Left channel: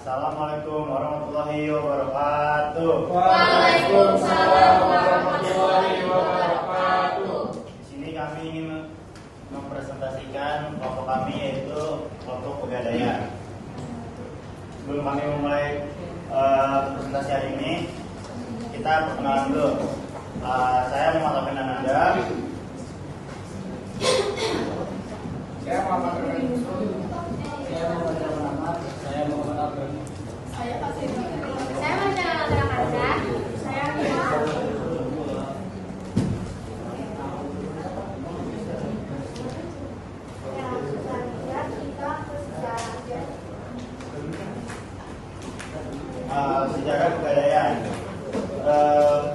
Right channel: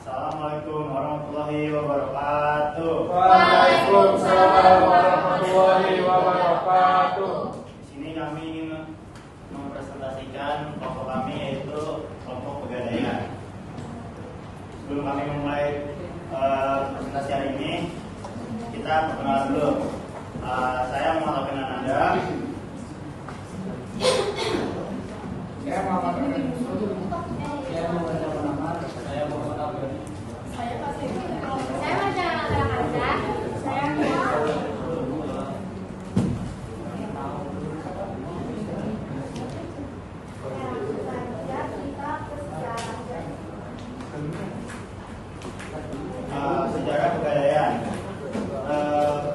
Assalamualaikum warahmatullahi wabarakatuh. Waalaikumsalam warahmatullahi wabarakatuh. Di sini kami ingin mempresentasikan kelompok kami, yaitu kelompok Pegadaian. Sebelum kami memulai presentasi hari ini, kita perkenalan dulu. Saya Muhammad Fernanda. Saya Muhammad Yusuf. Saya Muhammad Ahmad. Saya Muhammad Abdul. Saya Pasir. Saya Marjana Kanza. Saya Mira. Sejarah Pegadaian.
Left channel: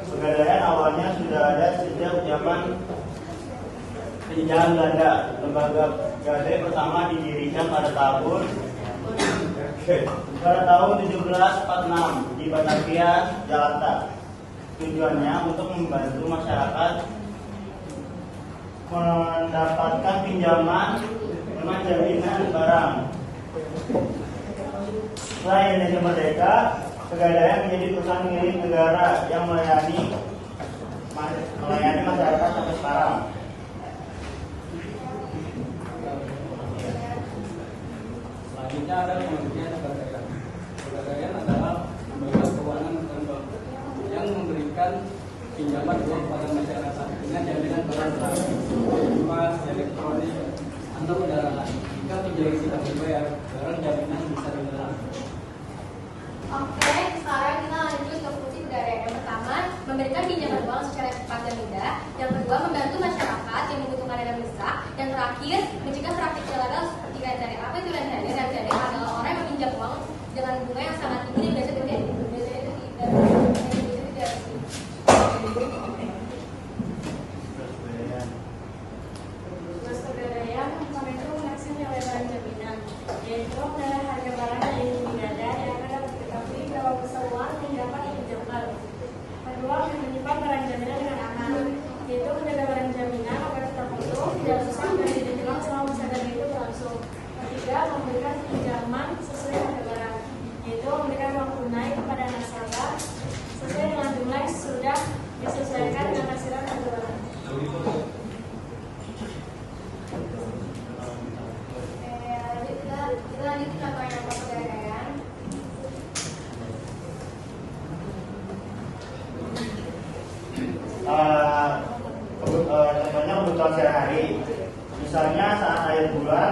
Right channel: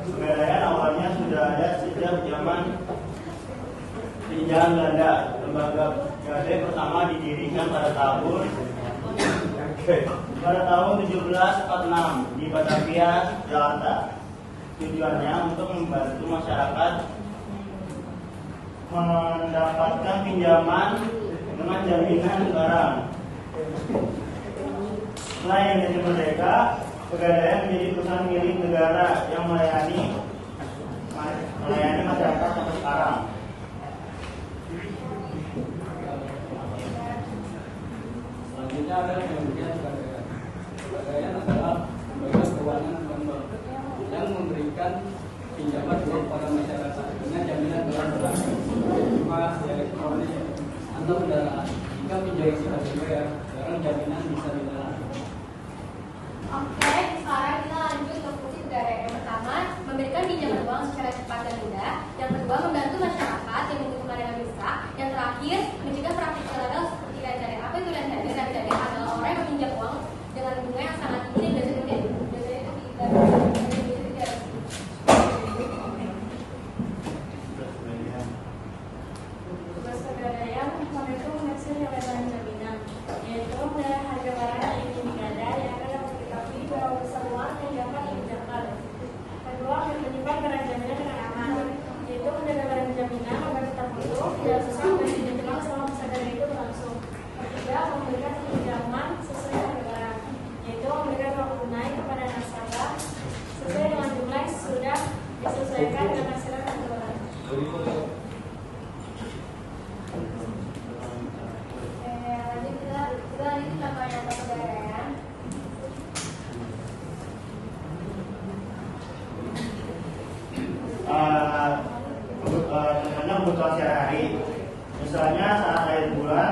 Pegadaian awalnya sudah ada sejak zaman penjajahan Belanda. Lembaga Pegadaian pertama didirikan pada tahun 1746 di Batavia, Jakarta. Tujuannya untuk membantu masyarakat mendapatkan pinjaman dengan jaminan barang. Setelah Indonesia merdeka, Pegadaian menjadi perusahaan milik negara yang melayani masyarakat sampai sekarang. Selanjutnya ada pengertian Pegadaian. Pegadaian adalah lembaga keuangan bank yang memberikan pinjaman uang pada masyarakat dengan jaminan barang berupa elektronik atau kendaraan. Jika menjadi sifat bayar, barang jaminan bisa ditahan. Oke, sekarang kita lanjut ke fungsi Pegadaian. Yang pertama, memberikan pinjaman uang secara cepat dan mudah. Yang kedua, membantu masyarakat yang membutuhkan dana mendesak. Yang terakhir, mencegah praktik ilegal seperti rentenir. Apa itu rentenir? Rentenir adalah orang yang meminjam uang dengan bunga yang sangat tinggi dan biasanya tidak Pegadaian itu menghasil nilai barang jaminan, yaitu menilai harga barang yang ingin digadai yang akan dapat diketahui bahwa besar uang yang dapat dipinjamkan. Kedua, menyimpan barang jaminan dengan aman, yaitu menjaga barang jaminan agar tetap utuh, tidak rusak dan tidak hilang selama masa gadai itu berlangsung. Ketiga, memberikan pinjaman sesuai harga barang, yaitu memberikan uang tunai kepada nasabah sesuai dengan jumlah yang sudah disesuaikan dengan hasil harga barang. Kita lanjut contohnya untuk Pegadaian. Contohnya kebutuhan sehari-hari. Misalnya saat akhir bulan,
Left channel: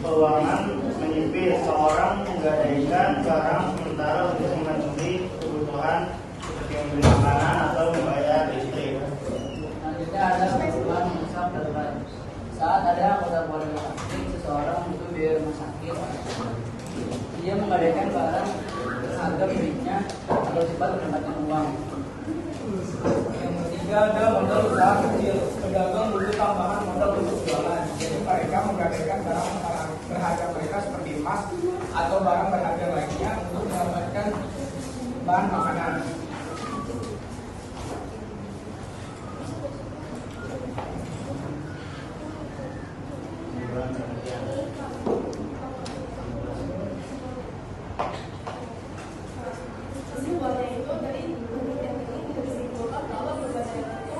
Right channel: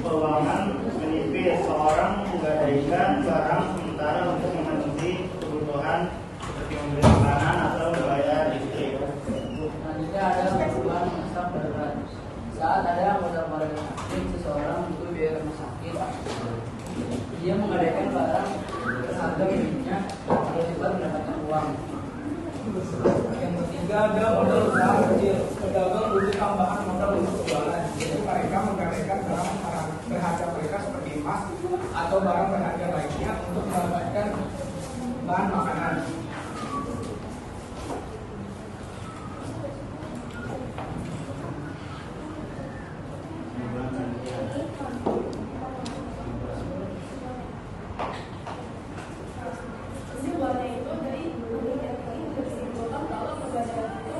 keuangan menipis, seorang menggadaikan barang sementara untuk memenuhi kebutuhan seperti membeli makanan atau membayar listrik. Selanjutnya ada kebutuhan mendesak darurat. Saat ada modal sakit, seseorang butuh biaya rumah sakit, dia menggadaikan barang seharga miliknya agar cepat mendapatkan uang. Yang ketiga ada modal usaha kecil. Pedagang butuh tambahan modal untuk jualan. Jadi mereka menggadaikan barang berharga mereka seperti emas atau barang berharga lainnya untuk mendapatkan bahan makanan. Kesimpulannya itu dari penelitian ini bisa disimpulkan kalau Pegadaian itu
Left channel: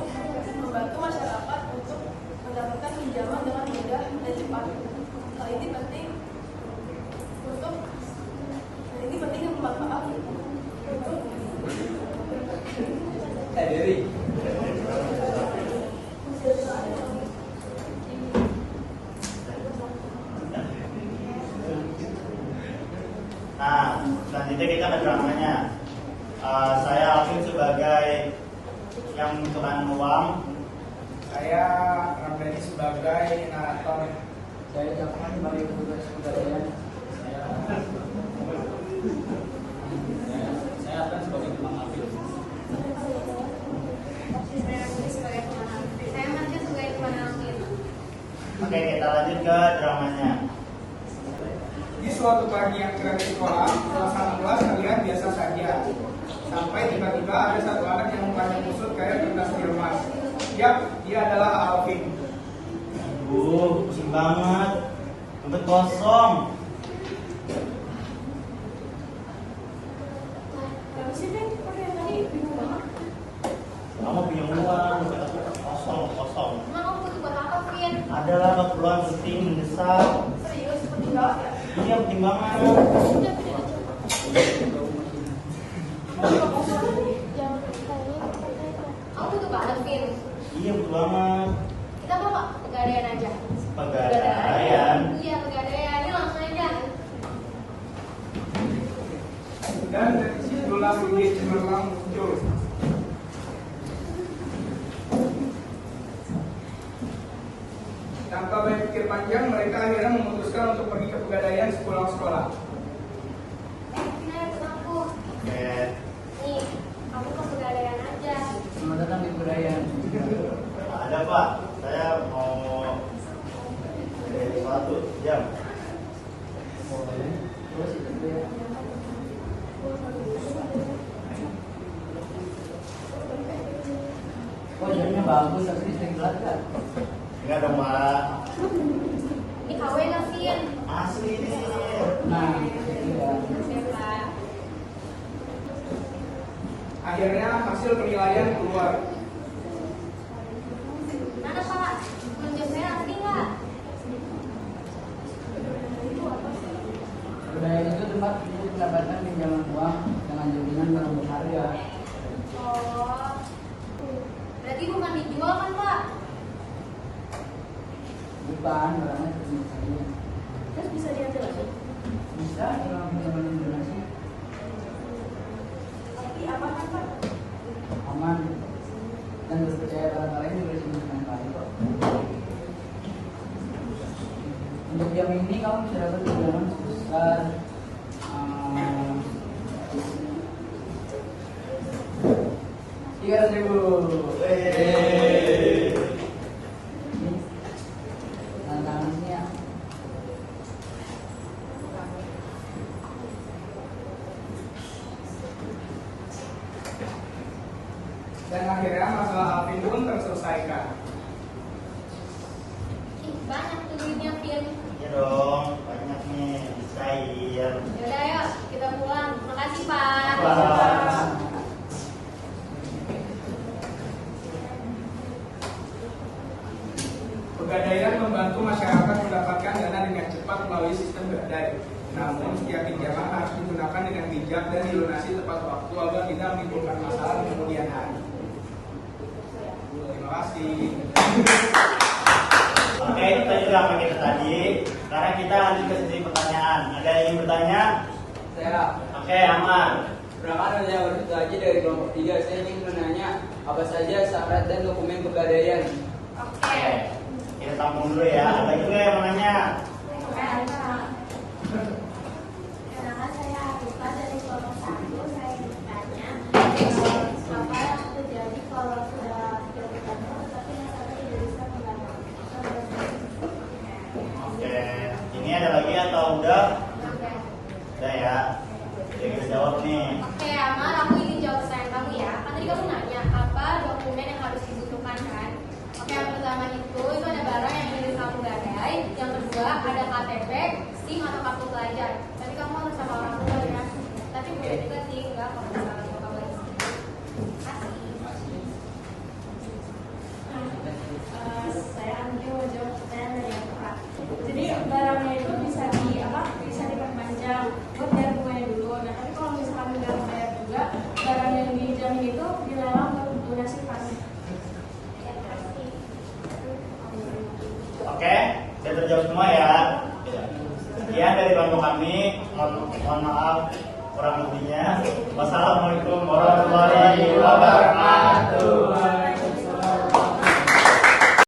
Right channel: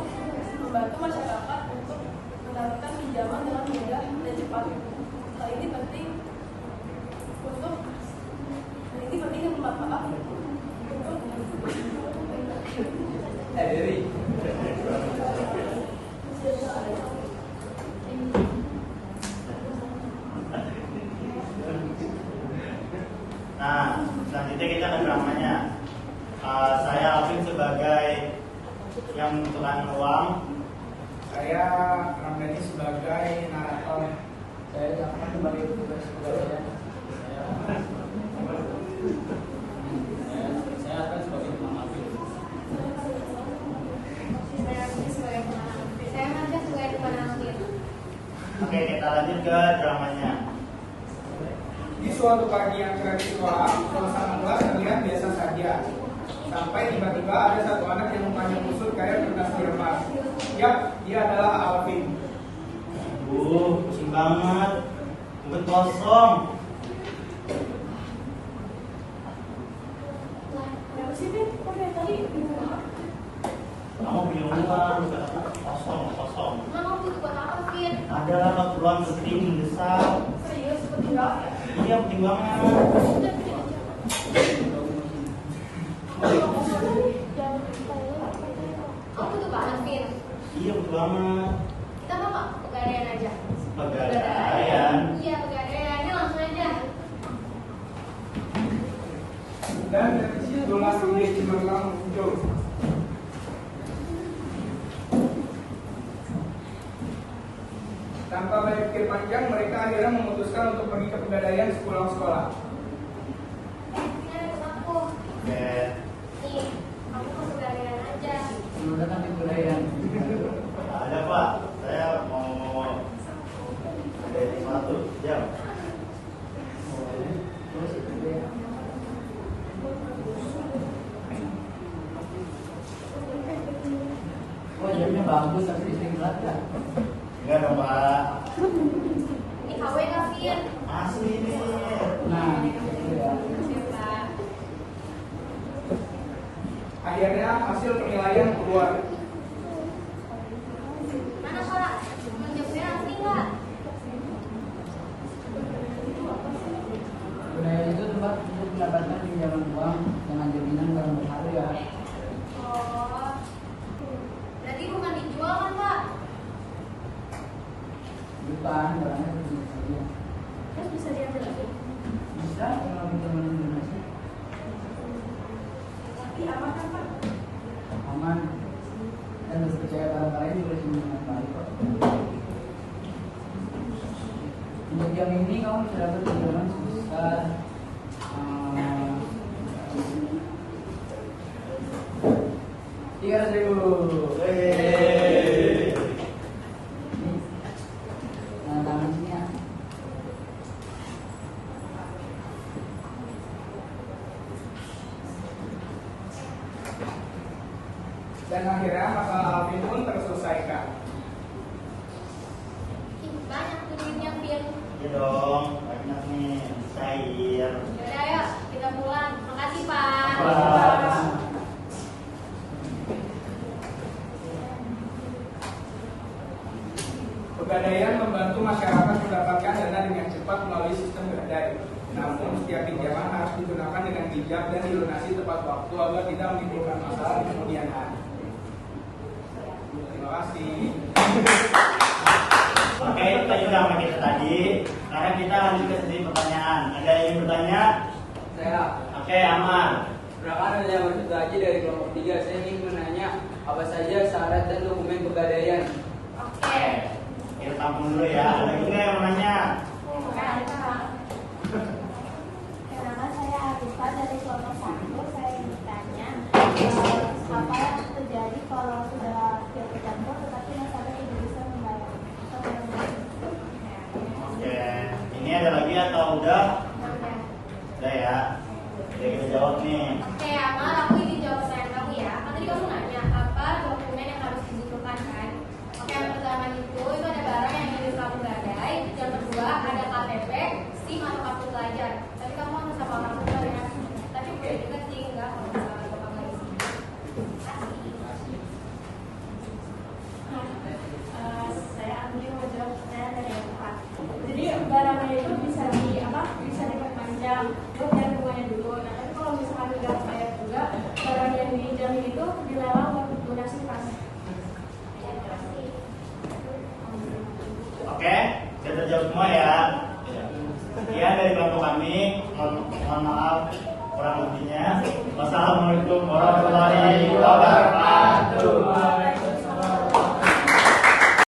membantu masyarakat untuk mendapatkan pinjaman dengan mudah dan cepat. Hal ini penting dan bermanfaat untuk Nah, selanjutnya kita ke dramanya. Saya Alvin sebagai yang membutuhkan uang. Saya Ramdhani sebagai narator. Saya Jakman sebagai petugas Pegadaian. Saya akan sebagai teman Alvin. saya sebagai teman. Saya Marja sebagai teman Alvin. Oke, kita lanjut ke dramanya. Di suatu pagi yang cerah di sekolah, suasana kelas terlihat biasa saja. Sampai tiba-tiba ada satu anak yang mukanya kusut kayak kertas diremas. Yap, dia adalah Alvin. Pusing banget. Sampai kosong. sih, Pin? Kok dari tadi bingung banget? Kamu punya uang, kosong. Emang kamu butuh buat apa, Pin? Ada lah keperluan penting mendesak. Serius, penting banget ya? Iya penting banget. Kamu butuh banget, Pin. Iya betul banget. Kita mau nggak pegadaian aja? Pegadaian. Iya, pegadaian. Ayo langsung aja. Dan dari situlah ide cemerlang muncul. Tanpa banyak pikir panjang, mereka akhirnya memutuskan untuk pergi ke pegadaian sepulang sekolah. Ini ada aku. Oke. Nih, kamu ke pegadaian aja. Selamat datang di Pegadaian. Ada Pak, saya mau dari sesuatu jam. Oh, jamnya bagus, tapi sering banget kan? Enggak dong Pak. Ini KW nggak, Pin? Asli nih. Nah, itu ya. Makasih, Pak. Akhirnya hasil penilaian keluar. Mana, Pak? Menjawab saya asli nggak? Pegadaian itu tempat untuk mendapatkan pinjaman uang dengan jaminan barang berharga. Oh, berarti bukan dijual kan, Pak? Bukan, barangnya punya saya. Terus bisa diambil lagi? Bisa kalau pinjaman donasi. Tapi aman kan, Pak? Aman dan harus percaya pada kalian juga sini dengan baik kok. Untuk jam ini kamu bisa dapat pinjaman sebesar 300.000. Yeay. Nah, tangannya. Dan akhirnya masalah Alvin pun terselesaikan. Ih, banyak tuh duitnya, Pin. Iya dong, banyak nih cair. Yaudah, ayo kita pulang. Makasih, Pak. Pak. Pegadaian membantu masyarakat mendapatkan dana dengan cepat melalui sistem gadai. Namun, setiap pinjaman harus digunakan dengan bijak dan dilunasi tepat waktu agar tidak menimbulkan masalah di kemudian hari. Terima kasih. Oke, itu tadi udah apa kita tadi. Sekarang kita lanjut ke sesi pertanyaan. Ada yang ingin bertanya? Saya Oke, Amar. Perkenalkan ada yang masuk terakhir dari kelompok 3. Saya ingin menanya apa saja syarat dan dokumen pegadaian. Oke. Kita tampung dulu ya. Ada juga yang mau nanya? Nama saya Arifah dari kelompok 1. Saya ingin bertanya, apa yang terjadi kalau sudah jatuh tempo tetapi nasabah tidak bisa membayar? Oke. Ini ada lagi atau udah? Oke. Udah ya. Oke, kita jawab nih. Oke, Amar, aku ingin jawab pertanyaan kamu ya. Kan tadi kamu nanya apa dokumen yang harus dibutuhkan kan? Oke, yang pertama itu ada barang yang ingin kamu gadai. Yang kedua ada KTP, SIM atau kartu pelajar. Tadi kamu harus sama orang tua ya. Tapi boleh juga sih enggak kalau misalkan bapak nggak di sini. Kasih. Saya Andri mau jawab pertanyaan dari yang Pak. Jadi barangnya itu bisa diperpanjang buat bayar bunganya dulu. Nah tapi kalau misalkan udah bayar juga, barang yang dijamin itu dilelang buat donasi kas. Oke, saya terjawab semua ya. Sekian dari bantu kami. Mohon maaf kurang lebihnya. Wassalamualaikum warahmatullahi wabarakatuh.